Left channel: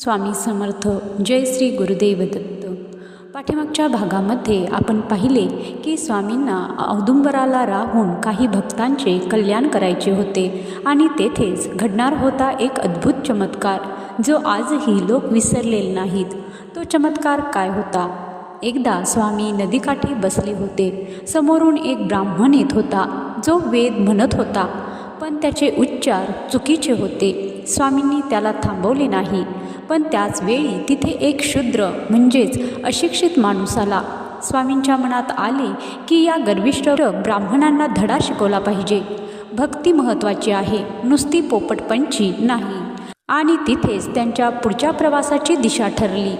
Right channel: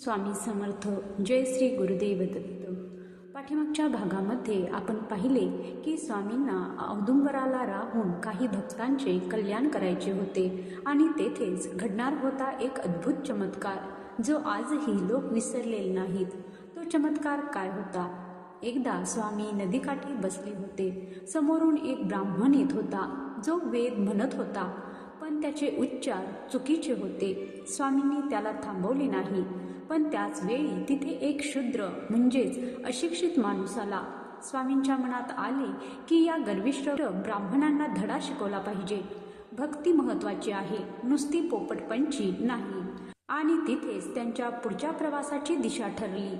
स्वामी समर्थ. जय श्री गुरुदेव दत्त. पाठीमागच्या भागामध्ये आपण पाहिले की स्वामींना औदुंबराला राहून काही भक्तांचे कल्याण करायचे होते आणि तेथेच घडणार होता एक अद्भुत चमत्कार जो आजही लोक विसरलेले नाहीत. तो चमत्कार काय होता? एकदा स्वामी नदीकाठी बसले होते. समोरून एक ब्राह्मण येत होता जो वेद म्हणत होता, पण त्याचे उच्चार चुकीचे होते. स्वामींनी त्याला थांबवले नाही, पण त्याच वेळी तिथे एक शूद्र म्हणजेच अशिक्षित माणूस आला. स्वामींच्या मनात आले की या गर्विष्ठ ब्राह्मणांना धडा शिकवला पाहिजे. भक्ती महत्त्वाची आहे, नुसती पोपटपंची नाही. आणि तिथेच त्यांच्या पुढच्या प्रवासाची दिशा ठरली.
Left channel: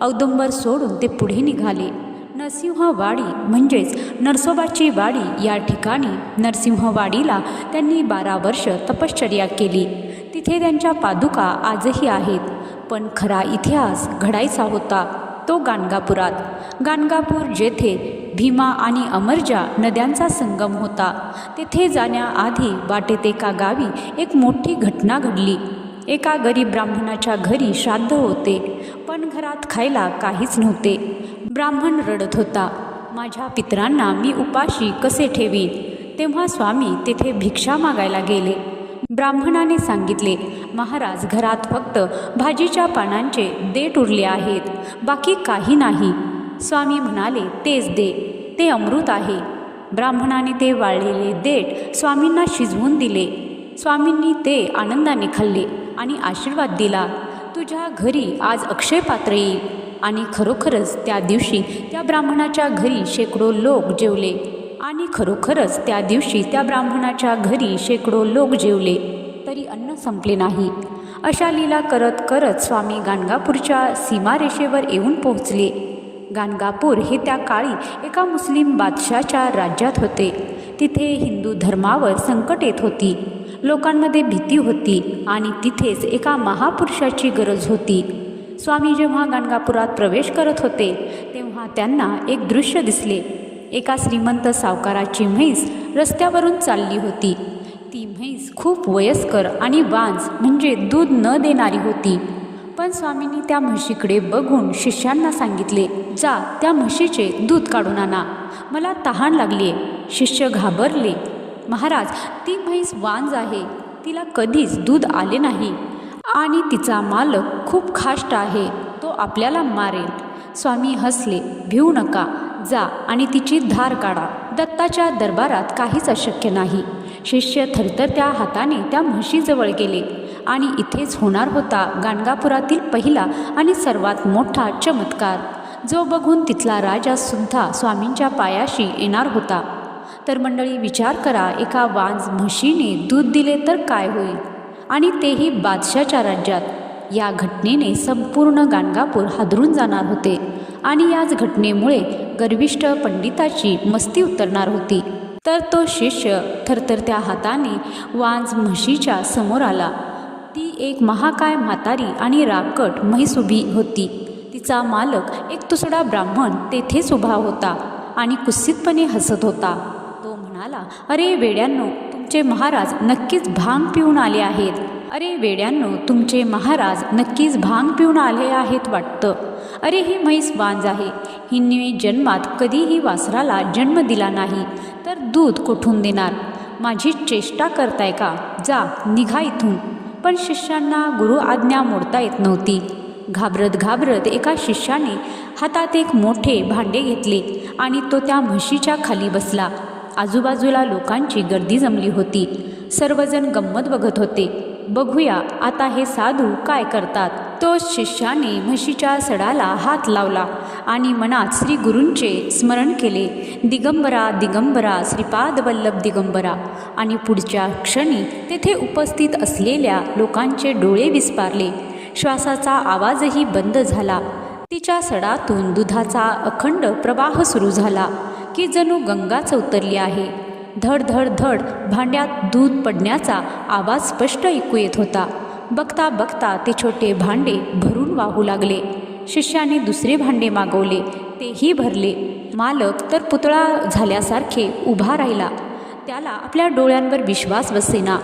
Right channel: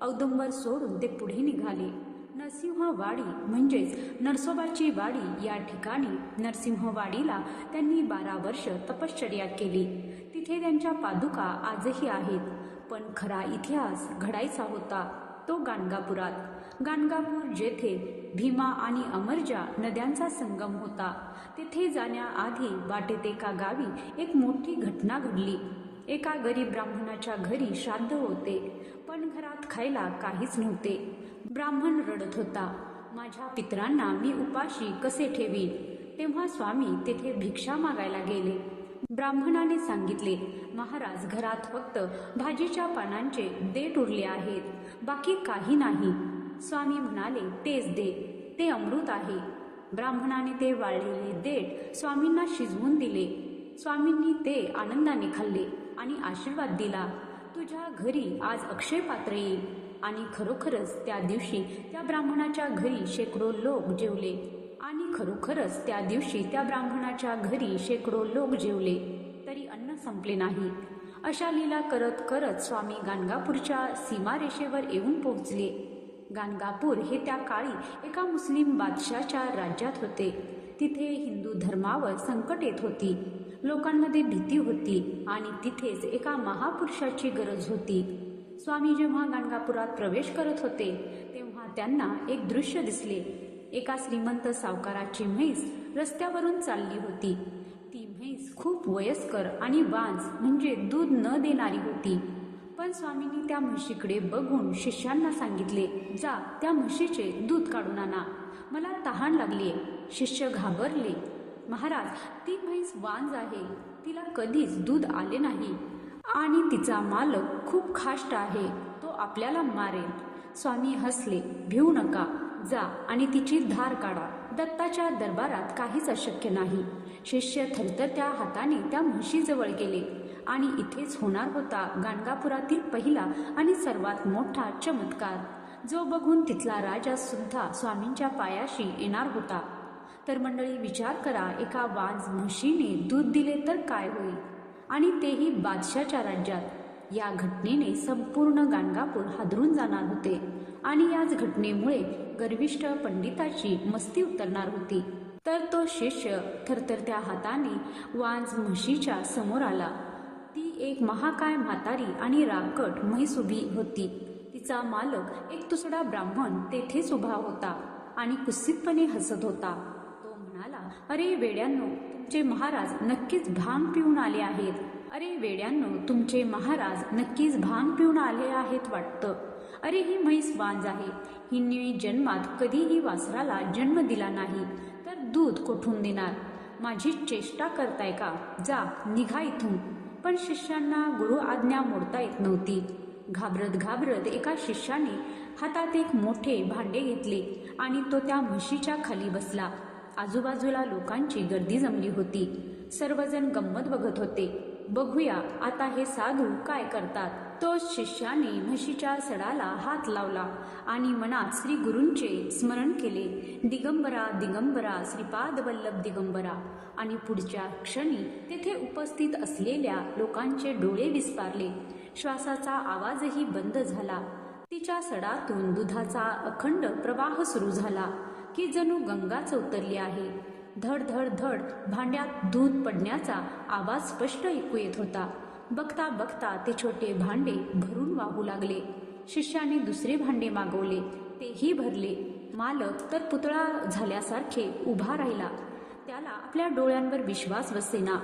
औदुंबर सोडून ते पुढे निघाले. नरसिंहवाडी म्हणजेच नरसोबाची वाडी या ठिकाणी नरसिंहवाडीला त्यांनी 12 वर्ष तपश्चर्या केली. तिथे त्यांच्या पादुका आजही आहेत. पण खरा इतिहास घडायचा होता तो गाणगापुरात. गाणगापूर जेथे भीमा आणि अमरजा नद्यांचा संगम होता. तेथे जाण्याआधी वाटेत एका गावी एक मोठी घटना घडली. एका गरीब ब्राह्मणाच्या घरी श्राद्ध होते, पण घरात खायला काहीच नव्हते. ब्राह्मण रडत होता, माझ्या पितरांना मी उपाशी कसे ठेवीन? तेव्हा स्वामी तेथे भिक्षा मागायला गेले. ब्राह्मणाने सांगितले, महाराज, घरात फक्त भाजीच्या पानांचे देठ उरले आहेत, बाकी काही नाही. स्वामी म्हणाले, तेच दे, ते अमृत आहे. ब्राह्मणाने ते वाळलेले देठ स्वामींना शिजवून दिले. स्वामींनी ते आनंदाने खाल्ले आणि आशीर्वाद दिला, तुझ्या घरी आज अक्षय पात्र येईल. आणि खरोखरच त्या दिवशी त्या ब्राह्मणाच्या घरी शेकडो लोक जेवले. तरी अन्न संपले नाही. अशा लीला करत करत स्वामी गाणगापूरच्या सीमारेषेवर येऊन पोहोचले. गाणगापूर हे त्या काळी एका मुस्लिम बादशाच्या राज्यात होते. तिथे हिंदू धर्मावर संकट येत होती. लोकांमध्ये भीती होती आणि तिथेच एका महापुरुषाची गरज होती. स्वामी जेव्हा गाणगापुरात प्रवेश करत होते तेव्हा त्यांना एक दृश्य दिसले. एका श्रीमंत सावकाराची म्हैस रस्त्यावरून चालली होती. ती म्हैस खूप वयस्कर आणि वांज म्हणजे दूध न देणारी होती. पण स्वामींनी त्या म्हशीकडे बघून शिष्यांना सांगितले, जा त्या म्हशीचे दूध काढून आणा, मला तहान लागली. शिष्य घाबरले, महाराज, ती म्हैस वांज आहे, तिला कधीच दूध आले नाही आणि तिचा मालक खूप खाष्ट आहे, तो आपल्याला मारेल. स्वामी हसले, भिवू नका, जा आणि तिची धार काढा. दत्ताच्या दरबारात काहीच अशक्य नाही. शिष्य थरथरत्या हाताने त्या म्हशीजवळ गेले आणि इथेच होणार होता गाणगापुरातील पहिला आणि सर्वात मोठा चमत्कार, जो बघून तिथला राजा सुद्धा स्वामींच्या पायाशी येणार होता. तर मंडळी, विचार करा, एका वांज म्हशीने दूध दिले तर काय होईल, आणि तेही बादशाच्या राज्यात. या घटनेने संपूर्ण गाणगापूर हादरून जाणार होते आणि याच घटनेमुळे गर्विष्ठ पंडिताची मस्ती उतरणार होती. तर तो शिष्य थरथरत्या हाताने वांज म्हशीच्या समोर आला. ती एक महाकाय म्हातारी आणि राकट म्हैस उभी होती. तिचा मालक एक तुसडा ब्राह्मण तेथेच उभा होता आणि कुत्सितपणे हसत होता. तो म्हणाला, अरे वेड्यांनो, तुमचे महाराज नक्कीच भांग पिऊन आले आहेत. वाटतं. अरे, ही म्हैस वांज आहे. हिने जन्मात कधीही वासराला जन्म दिला नाही, तर दूध कुठून देणार? माझी चेष्टा करताय का? जा, निघा इथून. पण शिष्यांना गुरु आज्ञा मोडता येत नव्हती. घाबरत घाबरत एका शिष्याने हातात एक मोठे भांडे घेतले आणि तो त्या म्हशीच्या खाली बसला. आजूबाजूला लोकांची गर्दी जमली होती. सर्वजण गंमत बघत होते. बघूया आता हे साधू काय करतात. तो शिष्याने म्हशीच्या सडाला हात लावला आणि मनात श्री गुरूंचे स्मरण केले, दिगंबरा दिगंबरा श्रीपाद वल्लभ दिगंबरा. आणि पुढच्या क्षणी तेथे उपस्थित असलेल्या लोकांचे डोळे विस्पारले. श्वासाचा आवाजही बंद झाला. तिच्या सडातून दुधाचा अखंड प्रवाह सुरू झाला की जणू गंगाच उतरली आहे. धड धड धड भांड्यात दूध पडण्याचा आवाज स्पष्ट ऐकू येत होता. बघता बघता ते छोटे भांडे भरून वाहू लागले. शिष्याने दुसरे भांडे मागवले, तेही भरले. मालक तर पुतळा झाल्यासारखे उभा राहिला. त्याला आपल्या डोळ्यांवर विश्वास बसेना.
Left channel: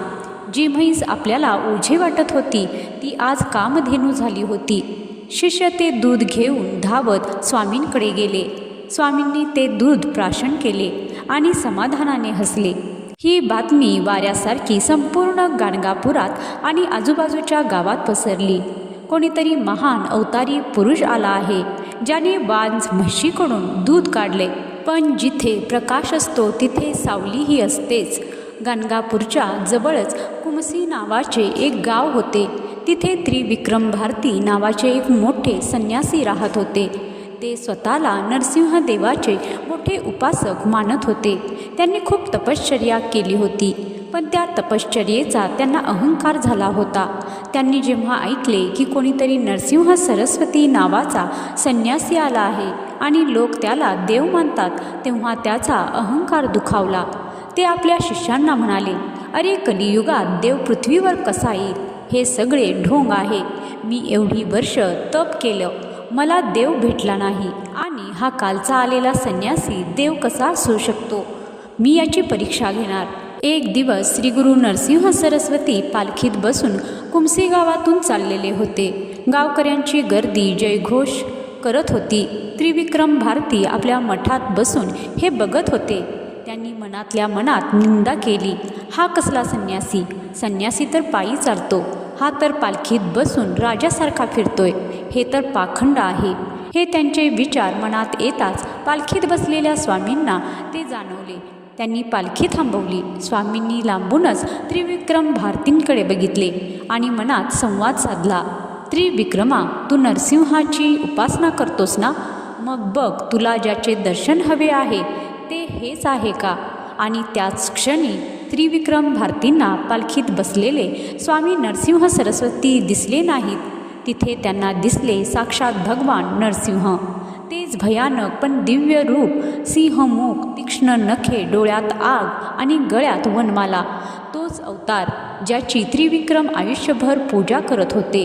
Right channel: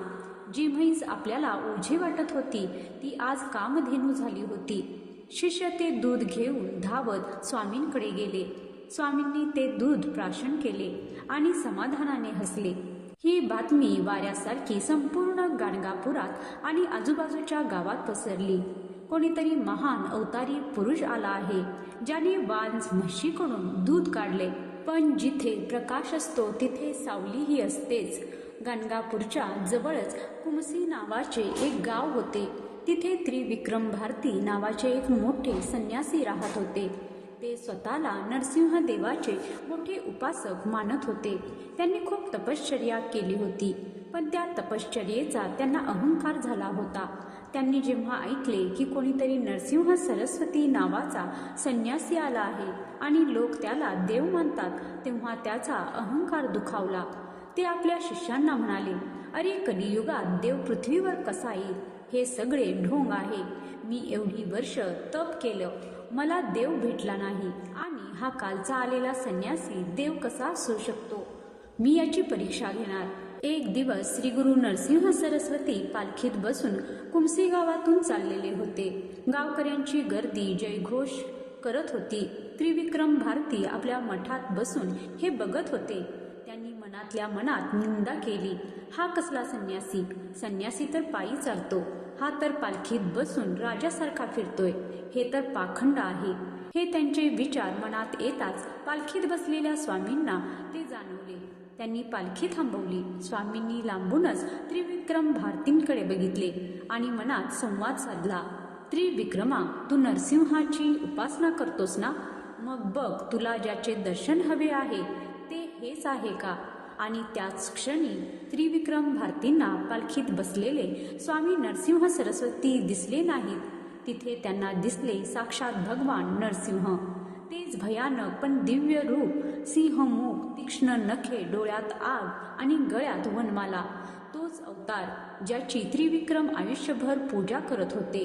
जी म्हैस आपल्याला ओझे वाटत होती ती आज कामधेनू झाली होती. शिष्य ते दूध घेऊन धावत स्वामींकडे गेले. स्वामींनी ते दूध प्राशन केले आणि समाधानाने हसले. ही बातमी वाऱ्यासारखी संपूर्ण गाणगापुरात आणि आजूबाजूच्या गावात पसरली. कोणीतरी महान अवतारी पुरुष आला आहे, ज्याने वांझ म्हशीकडून दूध काढले. पण जिथे प्रकाश असतो तिथे सावलीही असतेच. गाणगापूरच्या जवळच कुमसी नावाचे एक गाव होते. तिथे त्रिविक्रम भारती नावाचे एक मोठे संन्यासी राहत होते. ते स्वतःला नरसिंहदेवाचे मोठे उपासक मानत होते. त्यांनी खूप तपश्चर्या केली होती, पण त्या तपश्चर्येचा त्यांना अहंकार झाला होता. त्यांनी जेव्हा ऐकले की कोणीतरी नरसिंह सरस्वती नावाचा संन्यासी आला आहे आणि लोक त्याला देव मानतात, तेव्हा त्याचा अहंकार दुखावला. ते आपल्या शिष्यांना म्हणाले, अरे, कलियुगात देव पृथ्वीवर कसा येईल? हे सगळे ढोंग आहे. मी एवढी वर्ष तप केलं, मला देव भेटला नाही, आणि हा कालचा आलेला संन्यासी देव कसा असू शकतो? मी याची परीक्षा घेणार. एक दिवस श्री गुरु नरसिंह सरस्वती पालखीत बसून कुमसी गावातून चाललेले होते. गावकऱ्यांची गर्दी जयघोष करत होती. त्रिविक्रम भारती आपल्या मठात बसून हे बघत होते. त्यांनी मनातल्या मनात निंदा केली. हा कसला संन्यासी? संन्यासी तर पायी चालतो, हा तर पालखीत बसून राजासारखा फिरतोय. हे तर पाखंड आहे. हे त्यांचे विचार मनात येताच पालखीत बसलेल्या स्वामींना ते जाणवले. त्यांनी पालखी थांबवली. स्वामींनी लांबूनच त्रिविक्रम भारतींकडे बघितले आणि मनात संवाद साधला. त्रिविक्रमा, तू नरसिंहाची उपासना करतोस ना? मग बघ, तुला ज्याचे दर्शन हवे आहे ते हेच आहे का? आणि त्याच क्षणी त्रिविक्रम भारतींना पालखीत बसलेले स्वामी नरसिंह सरस्वती दिसले नाहीत. तिथे त्यांना दिसले साक्षात भगवान नरसिंह. तेच भयानक पण दिव्य रूप, सिंहमुख, तीक्ष्ण नखे, डोळ्यात आग आणि गळ्यात वनमाला. तोच अवतार ज्याची त्रिविक्रम आयुष्यभर पूजा करत होते.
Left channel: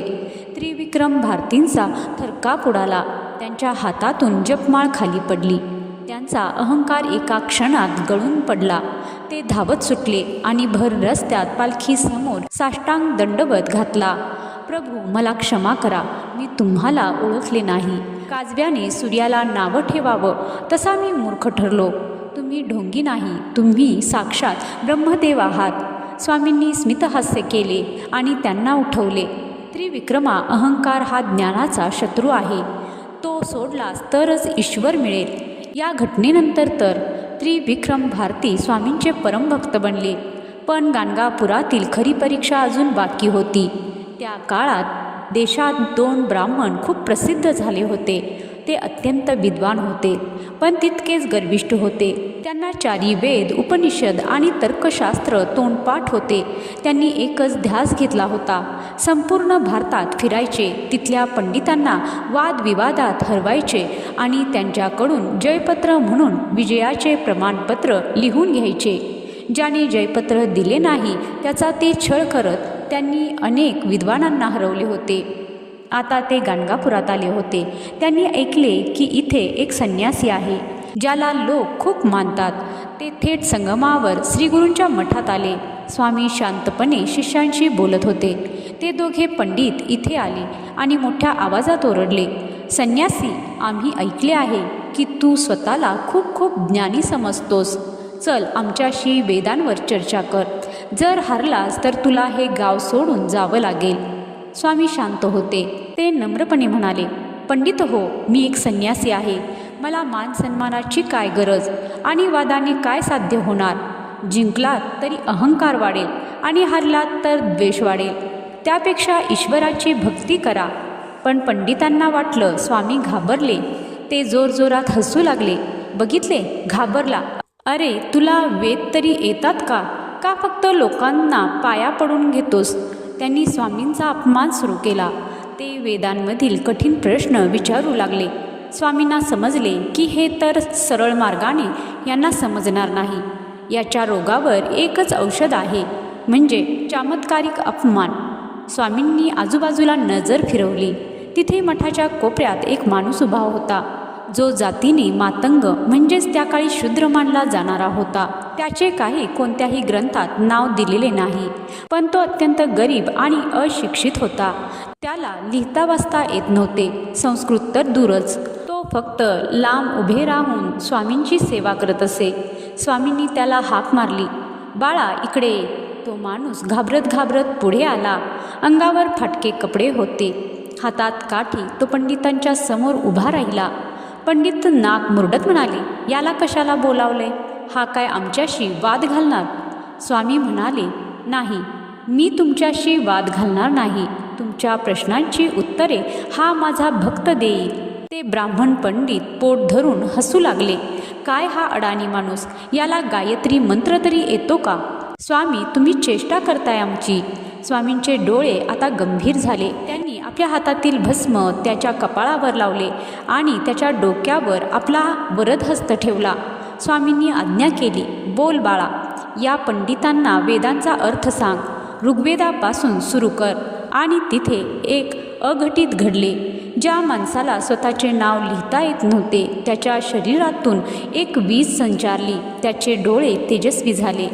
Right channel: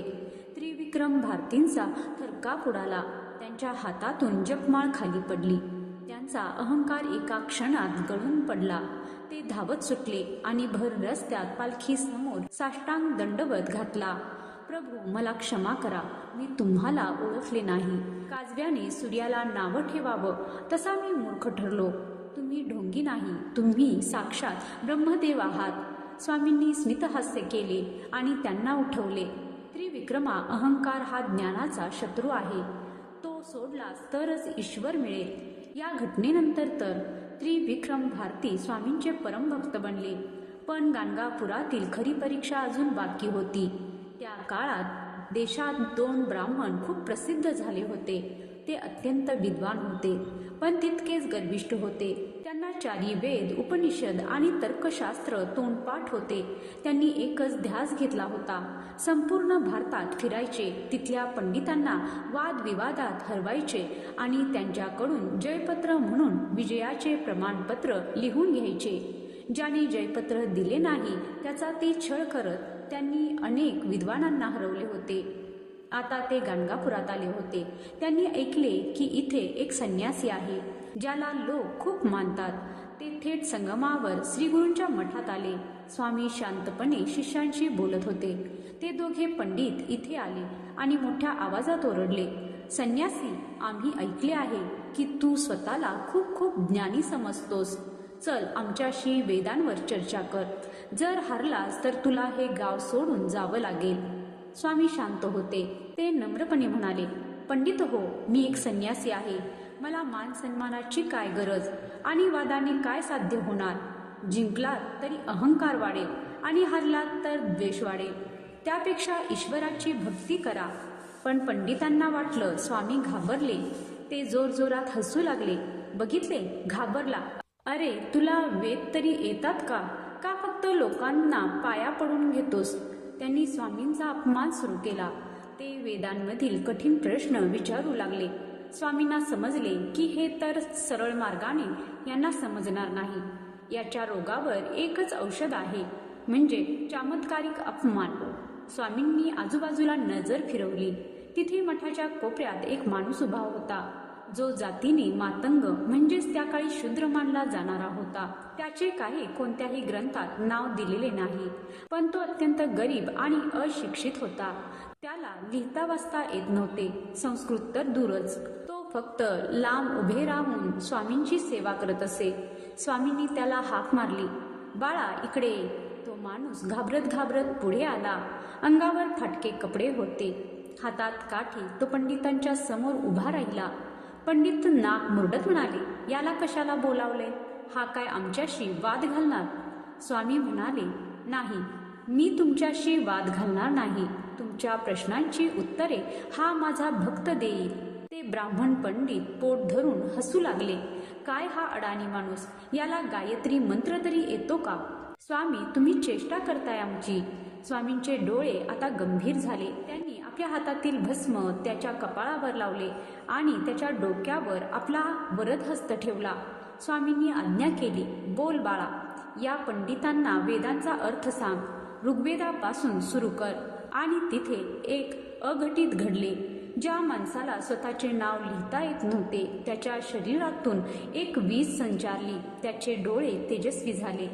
त्रिविक्रम भारतींचा थरकाप उडाला. त्यांच्या हातातून जपमाळ खाली पडली. त्यांचा अहंकार एका क्षणात गळून पडला. ते धावत सुटले आणि भर रस्त्यात पालखीसमोर साष्टांग दंडवत घातला. प्रभू, मला क्षमा करा, मी तुम्हाला ओळखले नाही. काजव्याने सूर्याला नावं ठेवावं तसा मी मूर्ख ठरलो. तुम्ही ढोंगी नाही, तुम्ही साक्षात ब्रह्मदेव आहात. स्वामींनी स्मितहास्य केले आणि त्यांना उठवले. त्रिविक्रमा, अहंकार हा ज्ञानाचा शत्रू आहे. तो सोडलास तरच ईश्वर मिळेल. या घटनेनंतर तर त्रिविक्रम भारती स्वामींचे परमभक्त बनले. पण गाणगापुरातील खरी परीक्षा अजून बाकी होती. त्या काळात देशात 2 ब्राह्मण खूप प्रसिद्ध झाले होते. ते अत्यंत विद्वान होते, पण तितकेच गर्विष्ठ होते. त्यांना 4 वेद, उपनिषद आणि तर्कशास्त्र तोंडपाठ होते. त्यांनी एकच ध्यास घेतला होता, संपूर्ण भारतात फिरायचे, तिथल्या पंडितांना वादविवादात हरवायचे आणि त्यांच्याकडून जयपत्र म्हणून विजयाचे प्रमाणपत्र लिहून घ्यायचे. ज्याने जयपत्र दिले नाही त्याचा ते छळ करत त्यांनी अनेक विद्वानांना हरवले होते. आता ते गाणगापुरात आले होते. त्यांनी ऐकले की इथे एक संन्यासी आहे ज्याला लोक खूप मानतात. ते थेट संगमावर श्रीगुरूंच्या मठात आले. स्वामी शांतपणे शिष्यांशी बोलत होते. ते दोघे पंडित इथे आले आणि मोठ्या आवाजात ओरडले, संन्यासी, आम्ही ऐकले आहे की तू स्वतःला खूप खूप ज्ञानी समजतोस. चल, आमच्याशी वेदांवर चर्चा कर. जर हरलास तर तुला हे गाव सोडून जावं लागेल. स्वामी शांत होते. ते नम्रपणे म्हणाले, पंडित हो, मी एक संन्यासी आहे. मला मान सन्मानाची काय गरज आणि वादाने काय साध्य होणार? जिंकलात तरी अहंकार वाढेल आणि हरलात तर द्वेष वाढेल. त्यापेक्षा ईश्वराची भक्ती करा. पण पंडितांना वाटलं स्वामी घाबरले. ते जोरजोरात हसू लागले. बघितले, घाबरला. अरे, तुला वेद तरी येतात का? का फक्त लोकांना पाया पडून घेतोस? त्यांनी स्वामींचा अपमान सुरू केला. ते वेदांमधील कठीण प्रश्न विचारू लागले. स्वामींना समजले की हे तर सरळ मार्गाने यांना समजणार नाही. याच्या रोगावर एकच औषध आहे, म्हणजे चमत्कारिक अपमान. स्वामींनी आजूबाजूला नजर फिरवली. तिथे मठाच्या कोपऱ्यात एक माणूस उभा होता. जो जातीने मातंग म्हणजेच त्या काळी शूद्र मानला जाणारा होता. त्याचे काही कोणत्याही ग्रंथात नाव दिलेले नाही, पण तो अत्यंत गरीब आणि अशिक्षित होता. त्याला लिहिता वाचता येत नव्हते, संस्कृत तर दूरच. तो फक्त लांब उभे राहून स्वामींची सेवा करत असे. स्वामींनी त्याला हाक मारली, बाळा इकडे ये. तो माणूस घाबरत घाबरत पुढे आला. अंगावर फाटके कपडे होते, हातात काठी. तो पंडितांच्या समोर उभा राहिला. पंडित नाक मुरडत म्हणाले, याला कशाला बोलावले? हा काय आमच्याशी वाद घालणार? स्वामी म्हणाले, नाही, मी तुमच्याशी वाद घालणार नाही. तुमच्या प्रश्नांची उत्तरे हा माझा भक्त देईल. ते ब्राह्मण पंडित पोट धरून हसू लागले. काय हा अडाणी माणूस, याला गायत्री मंत्र तरी येतो का? स्वामी, तुम्ही चेष्टा करताय आमची. स्वामींचे डोळे आता गंभीर झाले. त्यांनी आपल्या हातातील भस्म त्याच्या कपाळावर लावले आणि त्याच्या डोक्यावर आपला वरदहस्त ठेवला. स्वामींनी आज्ञा केली, बोल बाळा, या पंडितांना वेदांचा अर्थ सांग. ऋग्वेदापासून सुरू कर. आणि तिथे एक अघटित घडले. ज्या माणसाला स्वतःचे नाव लिहिता येत नव्हते, त्याच्या शरीरातून एक वीज संचारली. त्याचे डोळे तेजस्वी झाले.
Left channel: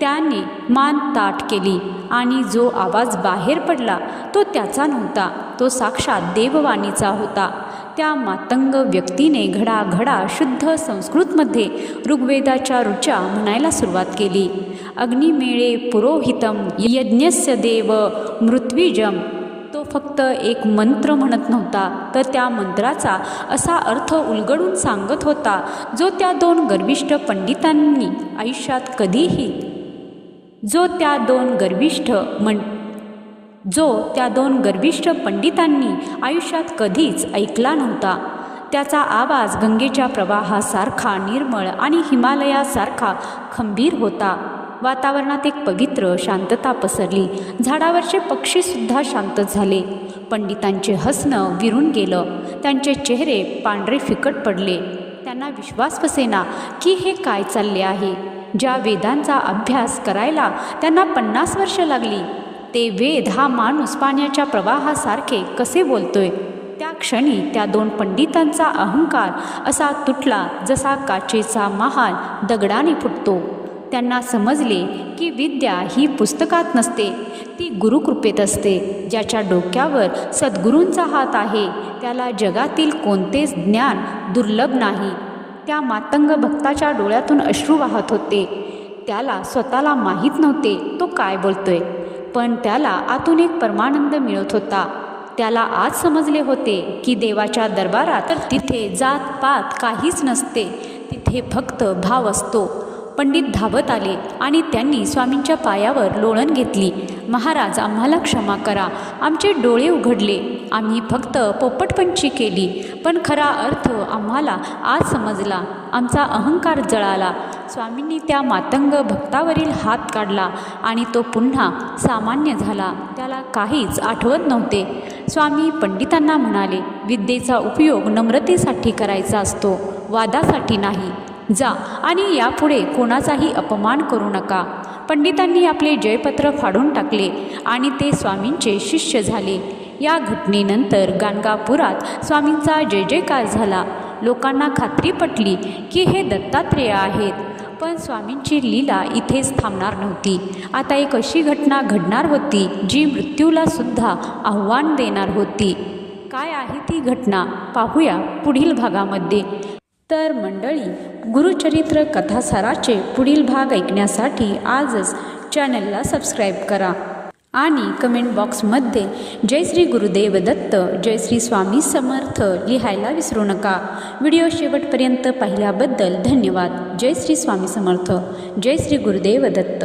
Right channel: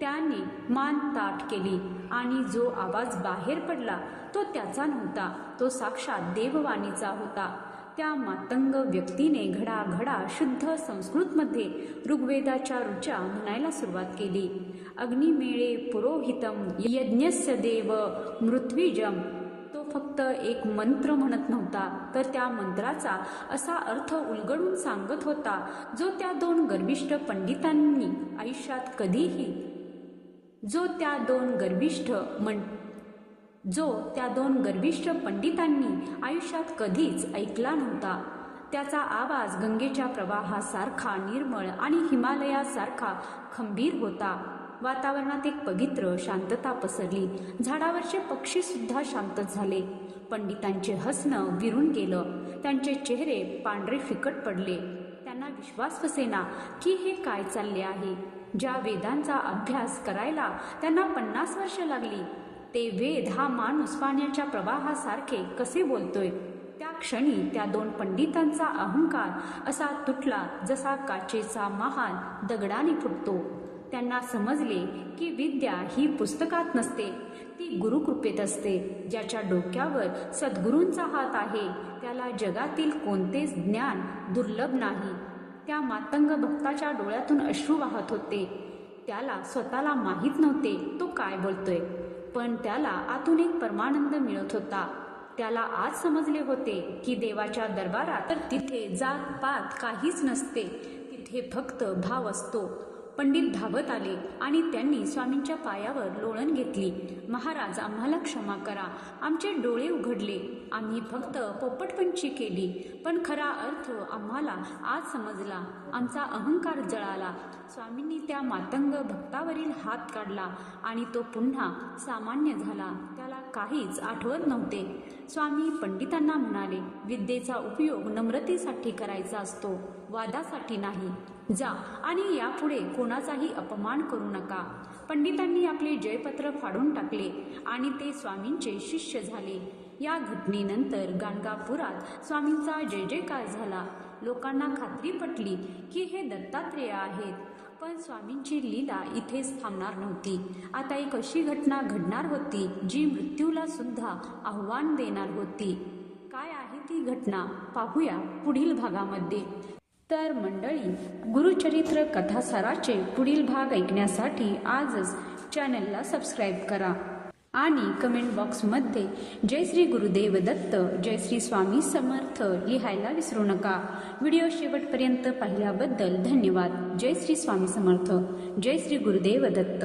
त्याने मान ताठ केली आणि जो आवाज बाहेर पडला तो त्याचा नव्हता, तो साक्षात देववाणीचा होता. त्या मातंग व्यक्तीने घडाघडा शुद्ध संस्कृतमध्ये ऋग्वेदाच्या ऋचा म्हणायला सुरुवात केली. अग्निमेळे पुरोहितम यज्ञस्य देव मृत्विजम. तो फक्त एक मंत्र म्हणत नव्हता, तर त्या मंत्राचा असा अर्थ उलगडून सांगत होता जो त्या दोन गर्विष्ठ पंडितांनी आयुष्यात कधीही कधीच ऐकला नव्हता. त्याचा आवाज गंगेच्या प्रवाहासारखा निर्मळ आणि हिमालयासारखा खंबीर होता. वातावरणात एक पवित्र शांतता पसरली. झाडावरचे पक्षीसुद्धा शांत झाले. पंडितांचे हसणं विरून गेलं. त्यांचे चेहरे पांढरे फिकट पडले. त्यांना विश्वास बसेना की हे काय चालले आहे. ज्या वेदांचा अभ्यास करायला त्यांना 50 वर्ष लागली, ते वेद हा माणूस पाण्याच्या प्रवाहासारखे कसे बोलतोय? त्या क्षणी त्या दोन पंडितांचा अहंकार असा तुटला जसा काचेचा महाल दगडाने फुटतो. त्यांना समजले की विद्या ही पुस्तकात नसते, ती गुरुकृपेत असते. ज्याच्या डोक्यावर सद्गुरूंचा हात आहे त्याला जगातील कोणतेच ज्ञान दुर्लभ नाही. त्या मातंग भक्ताच्या डोळ्यातून अश्रू वाहत होते. त्याला स्वतःला माहीत नव्हते तो काय बोलतोय, पण त्याला आतून एक परमानंद मिळत होता. त्याला आज समजले होते की देवाच्या दरबारात तर तिथे जात पात काहीच नसते, तिथे फक्त भाव असतो. पंडित धावत आले आणि त्यांनी स्वामींच्या पायावर लोळण घेतली. महाराज, आम्हाला क्षमा करा, आमचे डोळे उघडले, आम्ही फक्त पोपटपंची केली, पण खरा अर्थ आम्हाला आज समजला, आमचा अहंकार जळाला. स्वामींनी त्या मातंग भक्तावरील हात काढला आणि तो पुन्हा सामान्य झाला. त्याला काहीच आठवत नव्हते. स्वामी पंडितांना म्हणाले, विद्येचा उपयोग नम्रतेसाठी करायचा असतो, वादासाठी नाही. जा आणि यापुढे कोणाचाही अपमान करू नका. पंडितांनी आपले जयपत्र फाडून टाकले आणि ते स्वामींचे शिष्य झाले. या घटनेनंतर गाणगापुरात स्वामींचा जय जयकार झाला. लोकांना खात्री पटली की हे दत्तात्रेय आहेत. पण स्वामींची लीला इथेच थांबणार नव्हती. आता एक अशी घटना घडणार होती जी मृत्यूला सुद्धा आव्हान देणार होती. काय आहे ती घटना पाहूया पुढील भागामध्ये. तर मंडळी, गुरुचरित्र कथासाराचे पुढील भाग ऐकण्यासाठी आजच चॅनलला सबस्क्राईब करा आणि कमेंट बॉक्समध्ये जय श्री गुरुदेव दत्त, जय श्री स्वामी समर्थ लिहायला विसरू नका. व्हिडिओ शेवटपर्यंत पाहिल्याबद्दल धन्यवाद. जय श्री स्वामी समर्थ, जय श्री गुरुदेव दत्त.